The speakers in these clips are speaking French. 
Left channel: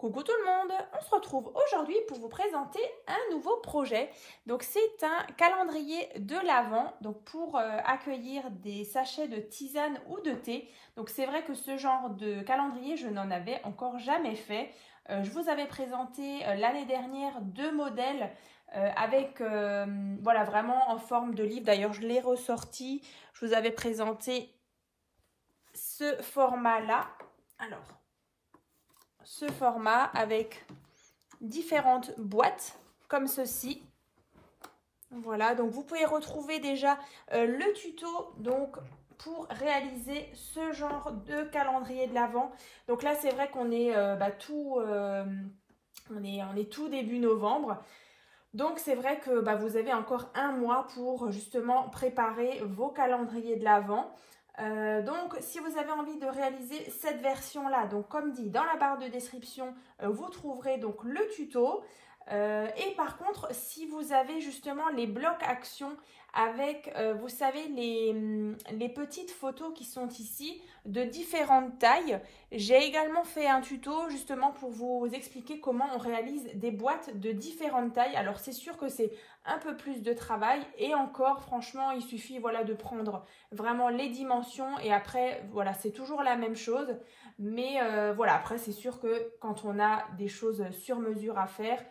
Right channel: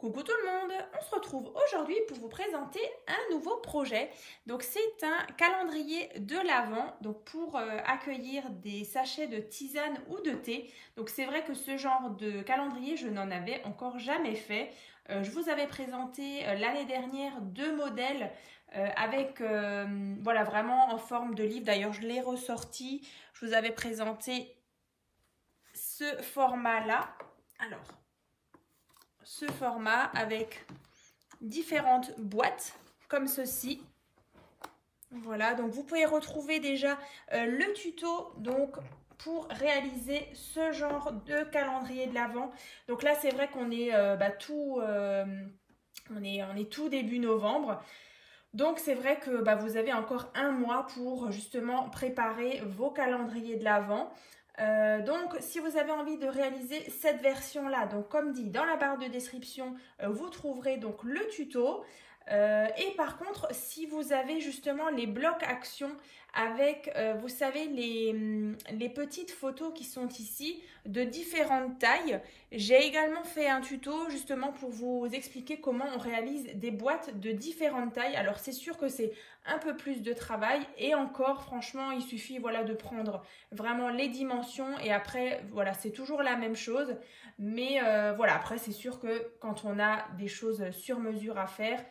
Coucou tout le monde, on se retrouve aujourd'hui pour vous présenter un nouveau projet. Donc c'est un calendrier de l'Avent, donc pour accueillir des sachets de tisane ou de thé. Donc c'est vrai que ce genre de calendrier, je n'en avais encore jamais fait. Je vous avais présenté l'année dernière deux modèles avec voilà, vraiment en forme de livre. D'ailleurs je l'ai ressorti, je vous avais présenté ce format-là. Alors, ce format avec différentes boîtes comme ceci. Voilà, donc vous pouvez retrouver déjà le tuto donc pour réaliser ce genre de calendrier de l'Avent. Donc là c'est vrai qu'on est on est tout début novembre. Donc c'est vrai que vous avez encore un mois pour justement préparer vos calendriers de l'Avent. Donc si vous avez envie de réaliser cette version là, donc comme dit dans la barre de description, vous trouverez donc le tuto. Et par contre, si vous avez justement les blocs actions avec, vous savez, les petites photos qui sont ici de différentes tailles, j'ai également fait un tuto justement pour vous expliquer comment on réalise des boîtes de différentes tailles. Alors c'est sûr que c'est un peu plus de travail et encore franchement il suffit voilà de prendre vraiment les dimensions et après voilà c'est toujours la même chose. Mais voilà, après c'est sûr que quand on a des choses sur mesure à faire,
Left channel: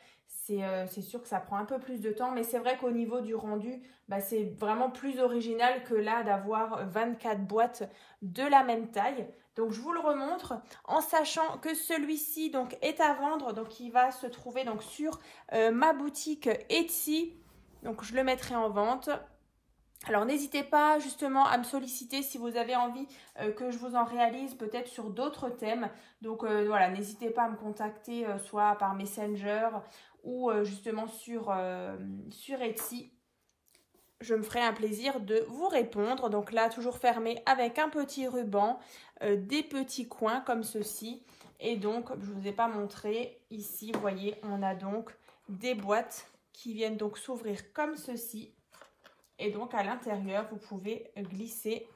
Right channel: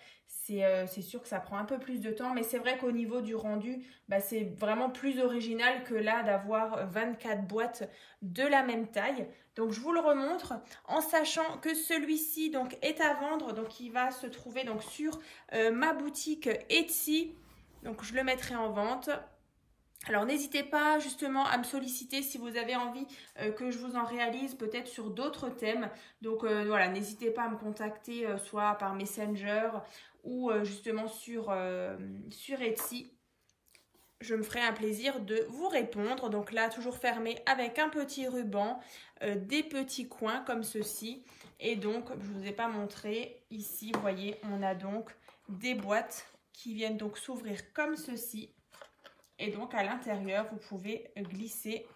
c'est sûr que ça prend un peu plus de temps, mais c'est vrai qu'au niveau du rendu, c'est vraiment plus original que là d'avoir 24 boîtes de la même taille. Donc je vous le remontre en sachant que celui-ci donc est à vendre, donc il va se trouver donc sur ma boutique Etsy. Donc je le mettrai en vente. Alors n'hésitez pas justement à me solliciter si vous avez envie que je vous en réalise peut-être sur d'autres thèmes. Donc voilà, n'hésitez pas à me contacter soit par Messenger ou justement sur Etsy. Je me ferai un plaisir de vous répondre. Donc là, toujours fermé avec un petit ruban, des petits coins comme ceci. Et donc, je ne vous ai pas montré, ici, vous voyez, on a donc des boîtes qui viennent donc s'ouvrir comme ceci. Et donc, à l'intérieur, vous pouvez glisser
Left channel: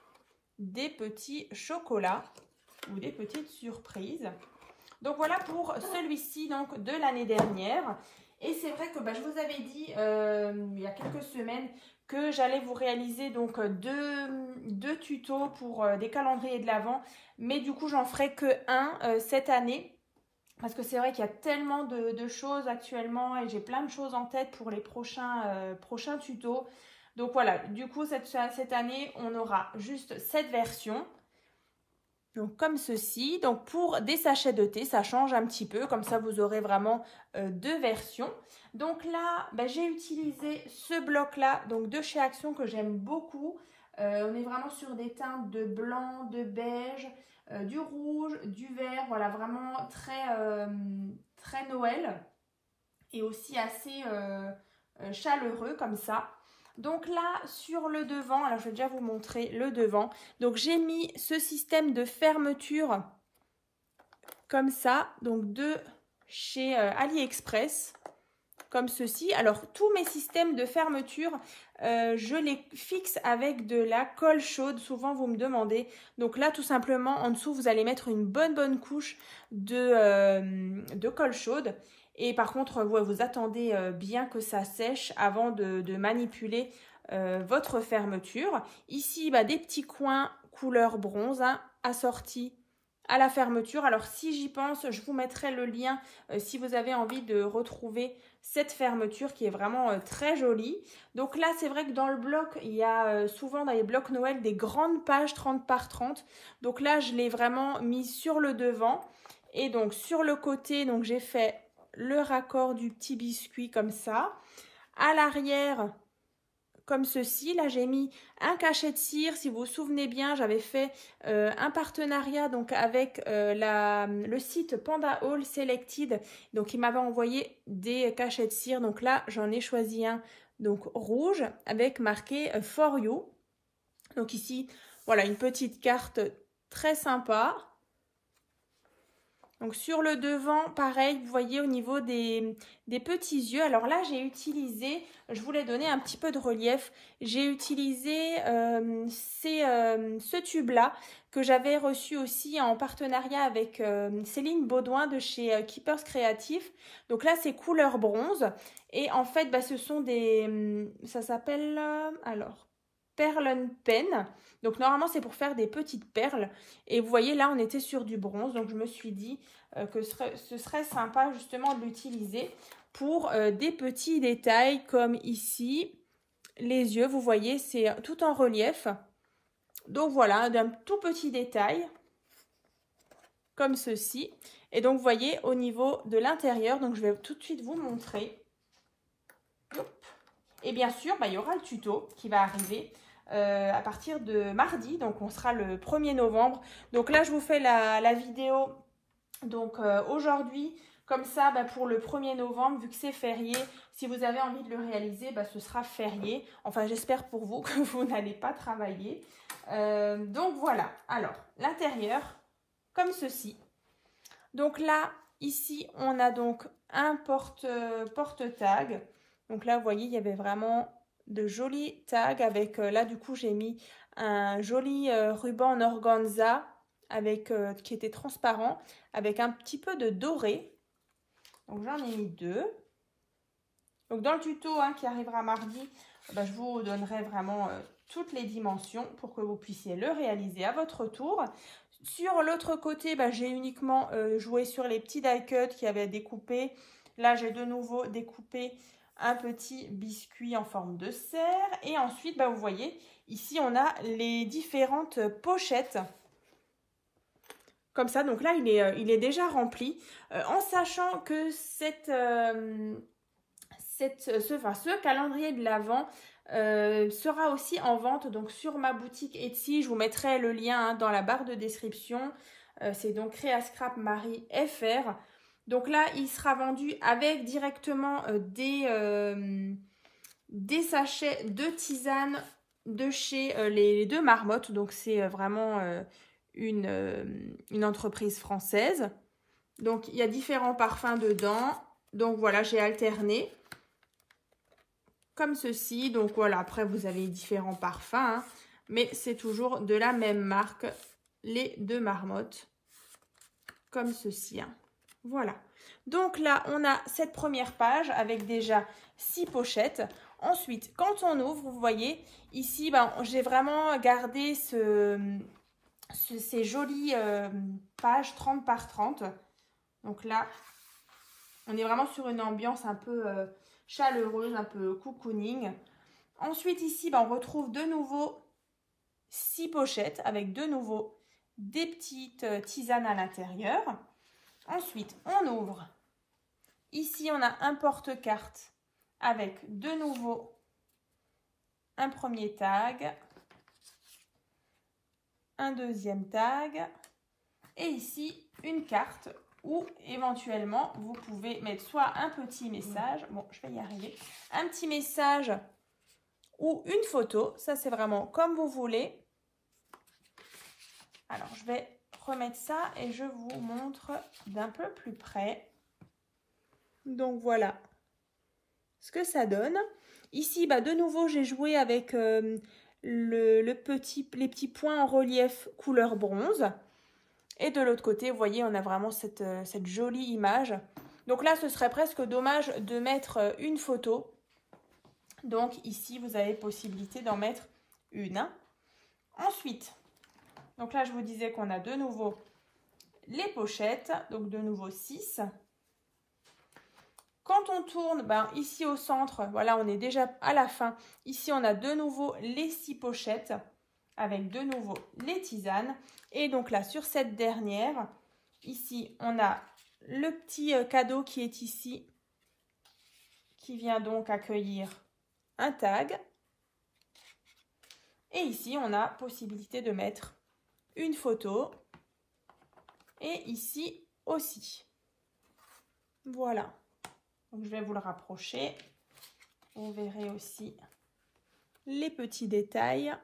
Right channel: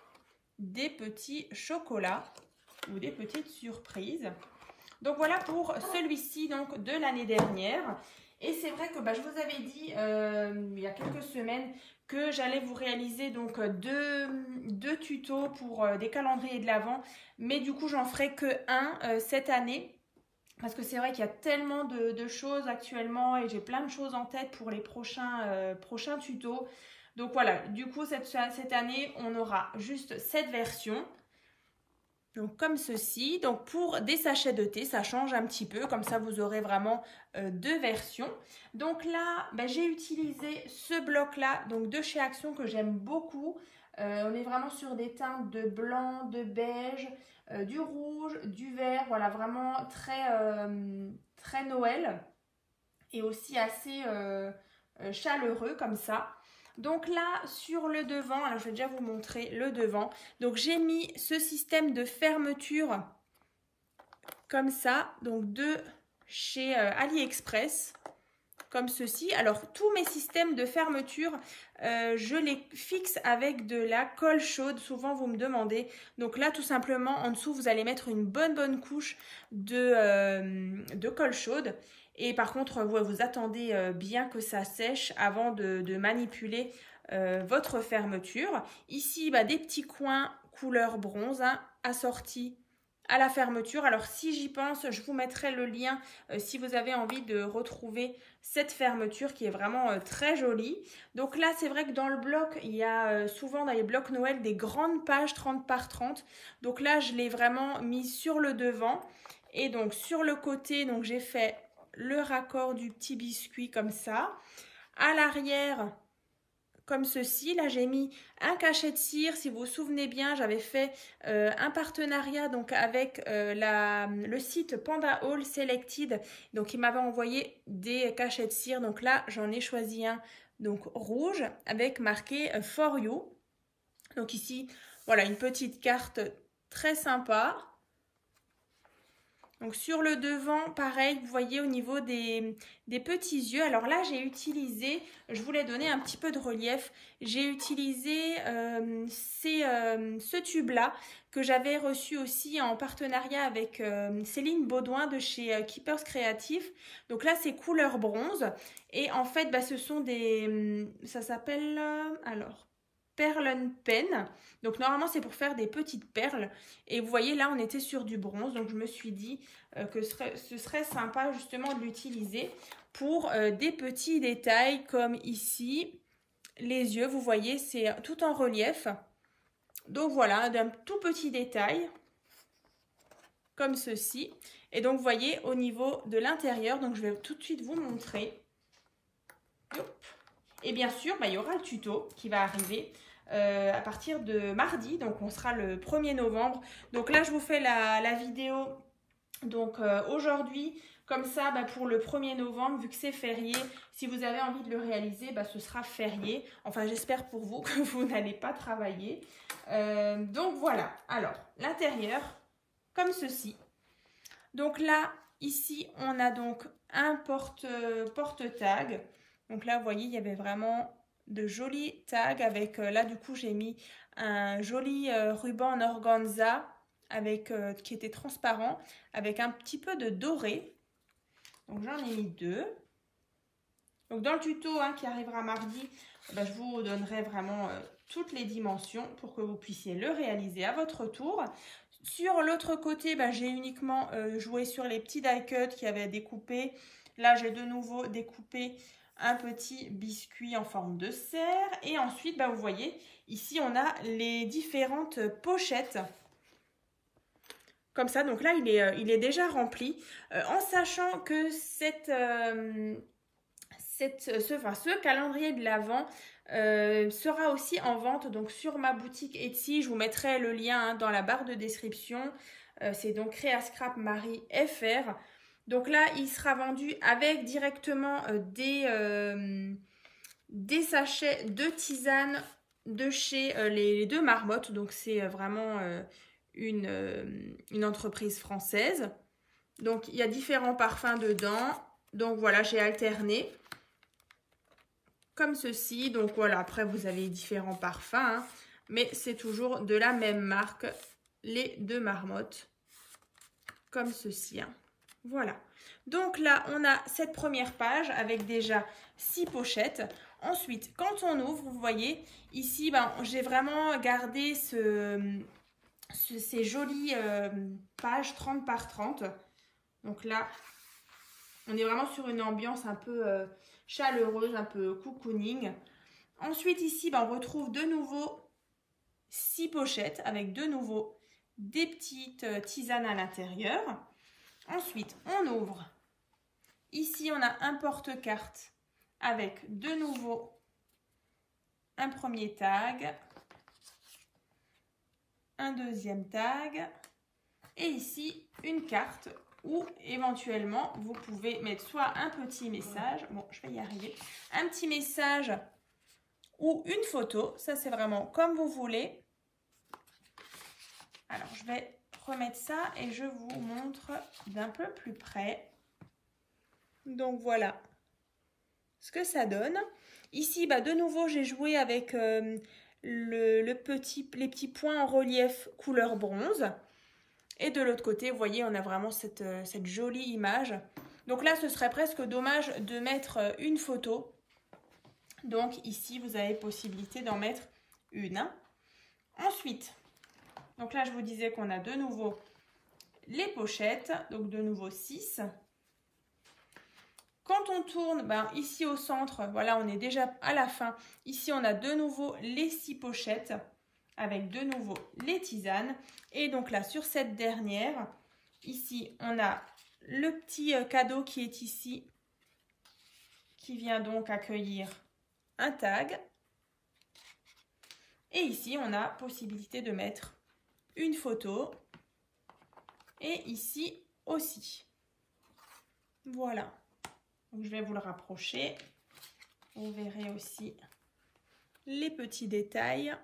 des petits chocolats ou des petites surprises. Donc voilà pour celui-ci donc de l'année dernière. Et c'est vrai que je vous avais dit il y a quelques semaines que j'allais vous réaliser donc deux tutos pour des calendriers de l'Avent. Mais du coup, j'en ferai que un cette année. Parce que c'est vrai qu'il y a tellement de choses actuellement et j'ai plein de choses en tête pour les prochains tutos. Donc voilà, du coup, cette année, on aura juste cette version. Donc comme ceci. Donc pour des sachets de thé, ça change un petit peu. Comme ça, vous aurez vraiment deux versions. Donc là, j'ai utilisé ce bloc-là donc de chez Action que j'aime beaucoup. On est vraiment sur des teintes de blanc, de beige, du rouge, du vert. Voilà, vraiment très Noël. Et aussi assez chaleureux comme ça. Donc là, sur le devant, alors je vais déjà vous montrer le devant. Donc j'ai mis ce système de fermeture comme ça, donc de chez AliExpress, comme ceci. Alors tous mes systèmes de fermeture, je les fixe avec de la colle chaude. Souvent vous me demandez. Donc là, tout simplement, en dessous, vous allez mettre une bonne couche de colle chaude. Et par contre, vous attendez bien que ça sèche avant de manipuler votre fermeture. Ici, des petits coins couleur bronze assortis à la fermeture. Alors, si j'y pense, je vous mettrai le lien si vous avez envie de retrouver cette fermeture qui est vraiment très jolie. Donc là, c'est vrai que dans le bloc, il y a souvent dans les blocs Noël des grandes pages 30 par 30. Donc là, je l'ai vraiment mis sur le devant. Et donc, sur le côté, donc j'ai fait le raccord du petit biscuit comme ça. À l'arrière, comme ceci. Là, j'ai mis un cachet de cire. Si vous vous souvenez bien, j'avais fait un partenariat donc avec le site Panda Haul Selected. Donc, il m'avait envoyé des cachets de cire. Donc là, j'en ai choisi un donc rouge avec marqué For You. Donc ici, voilà, une petite carte très sympa. Donc sur le devant, pareil, vous voyez au niveau des petits yeux. Alors là, j'ai utilisé, je voulais donner un petit peu de relief, j'ai utilisé ce tube-là que j'avais reçu aussi en partenariat avec Céline Baudouin de chez Keepers Créatifs. Donc là, c'est couleur bronze. Et en fait, bah, ce sont des, ça s'appelle, alors, Perle Pen. Donc normalement c'est pour faire des petites perles et vous voyez là on était sur du bronze, donc je me suis dit que ce serait sympa justement de l'utiliser pour des petits détails comme ici les yeux, vous voyez c'est tout en relief. Donc voilà, d'un tout petit détail comme ceci. Et donc vous voyez au niveau de l'intérieur, donc je vais tout de suite vous montrer. Et bien sûr bah, il y aura le tuto qui va arriver à partir de mardi, donc on sera le 1er novembre. Donc là je vous fais la vidéo donc aujourd'hui, comme ça bah, pour le 1er novembre, vu que c'est férié, si vous avez envie de le réaliser, bah, ce sera férié. Enfin j'espère pour vous que vous n'allez pas travailler. Donc voilà, alors l'intérieur comme ceci. Donc là ici on a donc un porte-tag. Donc là vous voyez il y avait vraiment de jolis tags avec, là du coup j'ai mis un joli ruban en organza avec, qui était transparent avec un petit peu de doré. Donc j'en ai mis 2. Donc dans le tuto hein, qui arrivera mardi, bah, je vous donnerai vraiment toutes les dimensions pour que vous puissiez le réaliser à votre tour. Sur l'autre côté, bah, j'ai uniquement joué sur les petits die cuts qui avaient découpé. Là j'ai de nouveau découpé un petit biscuit en forme de cerf et ensuite bah, vous voyez ici on a les différentes pochettes comme ça. Donc là il est déjà rempli en sachant que ce calendrier de l'Avent sera aussi en vente donc sur ma boutique Etsy. Je vous mettrai le lien hein, dans la barre de description. C'est donc Créascrap Marie FR. Donc là, il sera vendu avec directement des sachets de tisane de chez les deux Marmottes. Donc c'est vraiment une entreprise française. Donc il y a différents parfums dedans. Donc voilà, j'ai alterné comme ceci. Donc voilà, après vous avez différents parfums. Hein, mais c'est toujours de la même marque, les deux Marmottes. Comme ceci. Hein. Voilà. Donc là, on a cette première page avec déjà 6 pochettes. Ensuite, quand on ouvre, vous voyez, ici, ben, j'ai vraiment gardé ces jolies pages 30 par 30. Donc là, on est vraiment sur une ambiance un peu chaleureuse, un peu cocooning. Ensuite, ici, ben, on retrouve de nouveau 6 pochettes avec de nouveau des petites tisanes à l'intérieur. Ensuite, on ouvre. Ici, on a un porte-carte avec de nouveau un premier tag, un deuxième tag et ici une carte où éventuellement vous pouvez mettre soit un petit message, bon je vais y arriver, un petit message ou une photo, ça c'est vraiment comme vous voulez. Alors je vais remettre ça et je vous montre d'un peu plus près. Donc voilà ce que ça donne. Ici, bah, de nouveau, j'ai joué avec les petits points en relief couleur bronze. Et de l'autre côté, vous voyez, on a vraiment cette jolie image. Donc là, ce serait presque dommage de mettre une photo. Donc ici, vous avez possibilité d'en mettre une. Ensuite, donc là, je vous disais qu'on a de nouveau les pochettes. Donc de nouveau 6. Quand on tourne, ben, ici au centre, voilà, on est déjà à la fin. Ici, on a de nouveau les 6 pochettes avec de nouveau les tisanes. Et donc là, sur cette dernière, ici, on a le petit cadeau qui est ici, qui vient donc accueillir un tag. Et ici, on a possibilité de mettre une photo. Et ici aussi. Voilà. Donc, je vais vous le rapprocher. Vous verrez aussi les petits détails.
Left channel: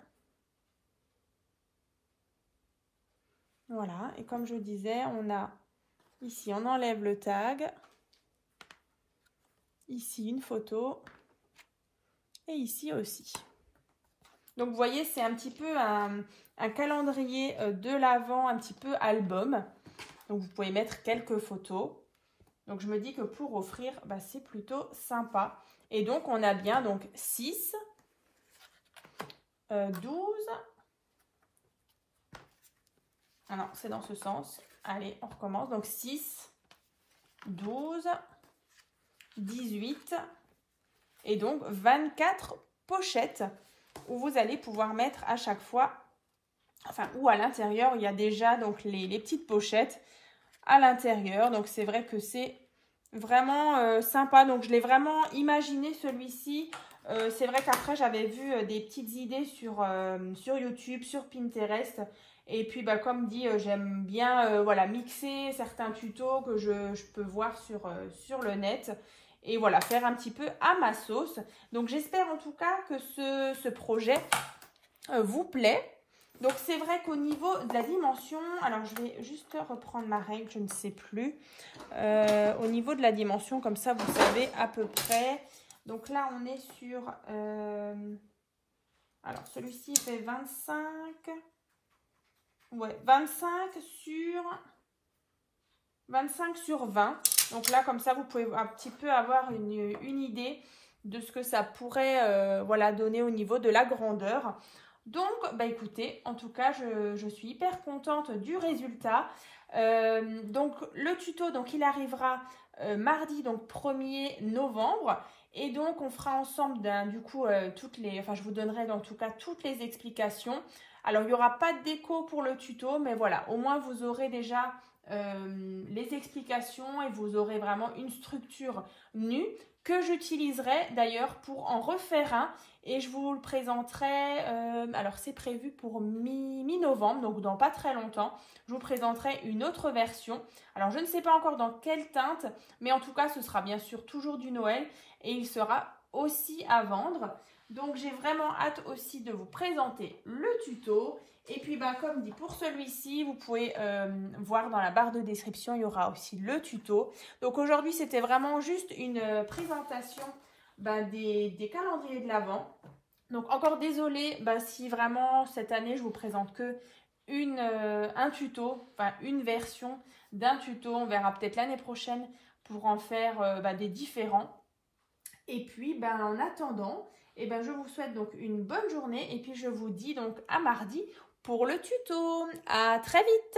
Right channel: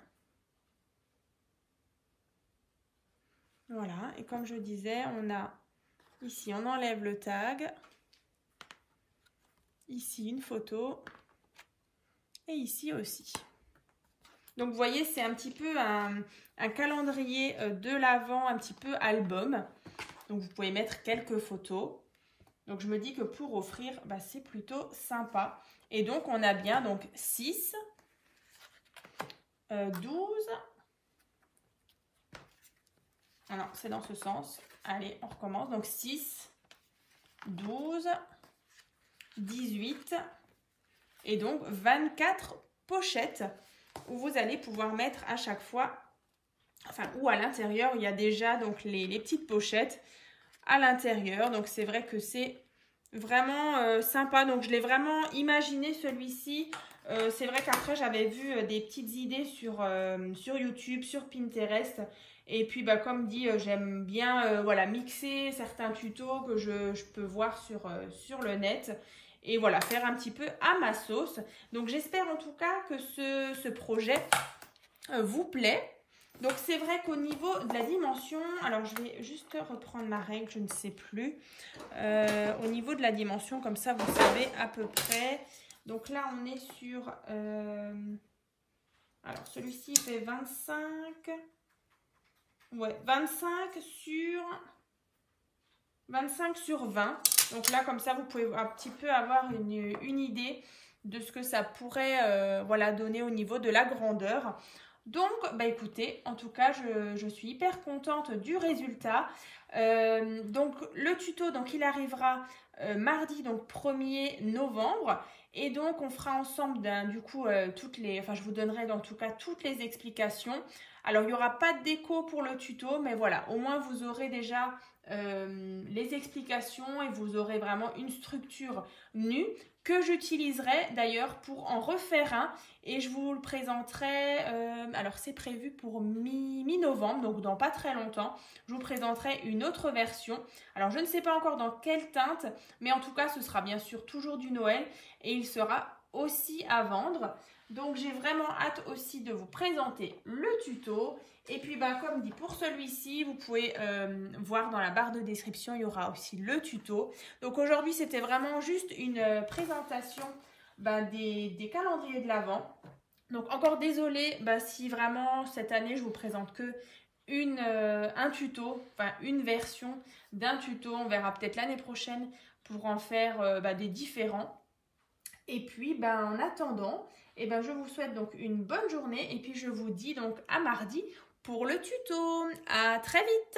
Voilà. Et comme je disais, on a Ici, on enlève le tag. Ici, une photo. Et ici aussi. Donc, vous voyez, c'est un petit peu un calendrier de l'Avent, un petit peu album. Donc, vous pouvez mettre quelques photos. Donc, je me dis que pour offrir, bah, c'est plutôt sympa. Et donc, on a bien donc 6, 12. Ah non, c'est dans ce sens. Allez, on recommence. Donc, 6, 12, 18 et donc 24 pochettes où vous allez pouvoir mettre à chaque fois, enfin, ou à l'intérieur, il y a déjà donc les petites pochettes à l'intérieur. Donc, c'est vrai que c'est vraiment sympa. Donc, je l'ai vraiment imaginé celui-ci. C'est vrai qu'après, j'avais vu des petites idées sur YouTube, sur Pinterest. Et puis, bah, comme dit, j'aime bien voilà, mixer certains tutos que je peux voir sur le net. Et voilà, faire un petit peu à ma sauce. Donc, j'espère en tout cas que ce projet vous plaît. Donc, c'est vrai qu'au niveau de la dimension, alors je vais juste reprendre ma règle, je ne sais plus. Au niveau de la dimension, comme ça, vous savez à peu près. Donc là, on est sur... alors, celui-ci fait 25... Ouais, 25 sur 20. Donc là, comme ça, vous pouvez un petit peu avoir une idée de ce que ça pourrait voilà, donner au niveau de la grandeur. Donc, bah écoutez, en tout cas, je suis hyper contente du résultat. Donc, le tuto, donc, il arrivera mardi, donc 1er novembre. Et donc, on fera ensemble, du coup, je vous donnerai en tout cas toutes les explications. Alors, il n'y aura pas de déco pour le tuto, mais voilà, au moins, vous aurez déjà les explications et vous aurez vraiment une structure nue que j'utiliserai d'ailleurs pour en refaire un et je vous le présenterai, alors c'est prévu pour mi-novembre, donc dans pas très longtemps, je vous présenterai une autre version. Alors je ne sais pas encore dans quelle teinte, mais en tout cas ce sera bien sûr toujours du Noël et il sera aussi à vendre. Donc j'ai vraiment hâte aussi de vous présenter le tuto. Et puis bah, comme dit pour celui-ci, vous pouvez voir dans la barre de description, il y aura aussi le tuto. Donc aujourd'hui c'était vraiment juste une présentation des calendriers de l'Avent. Donc encore désolée si vraiment cette année je vous présente que un tuto, enfin une version d'un tuto. On verra peut-être l'année prochaine pour en faire des différents. Et puis en attendant, je vous souhaite donc une bonne journée et puis je vous dis donc à mardi pour le tuto. À très vite!